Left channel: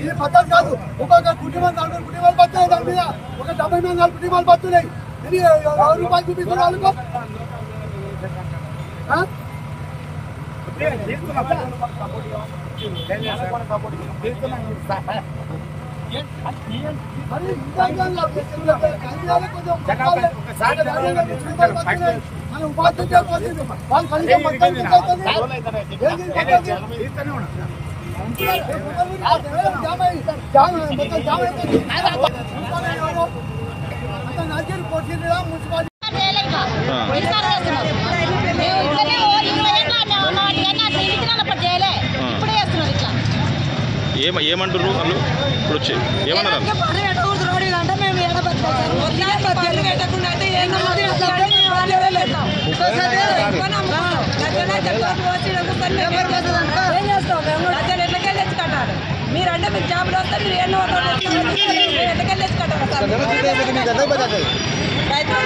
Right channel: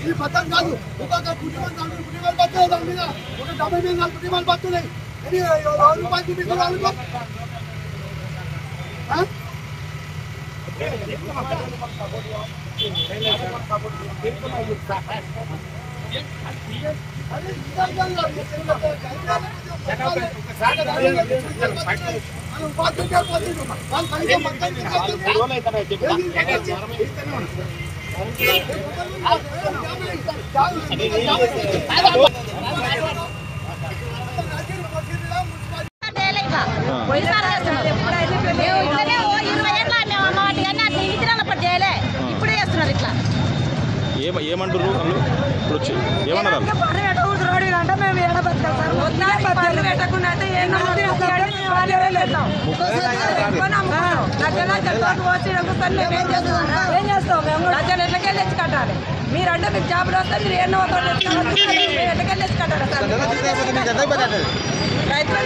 ఇది పద్ధతి కాదు. ఒక్కొక్క కుటుంబం కుటుంబాలు బతున్నాయి, దాని మీద ఒక 70 మీద 4 కుటుంబాలు బతున్నాయి. ఇది రూపాయలు చూపిస్తున్నారు. ఏమంటారు వాళ్ళు ఇప్పుడు వచ్చి ఏమన్నారు? ఏం చేస్తాం మేము రాజ్యాలు ఎట్లకెళ్ళి తెచ్చి కట్టాలి? మీరంటే మీరు జాబులు వస్తే మీరు ఎన్నో ఎట్లకెళ్ళి తెచ్చి కట్టాలి సార్? రైతులు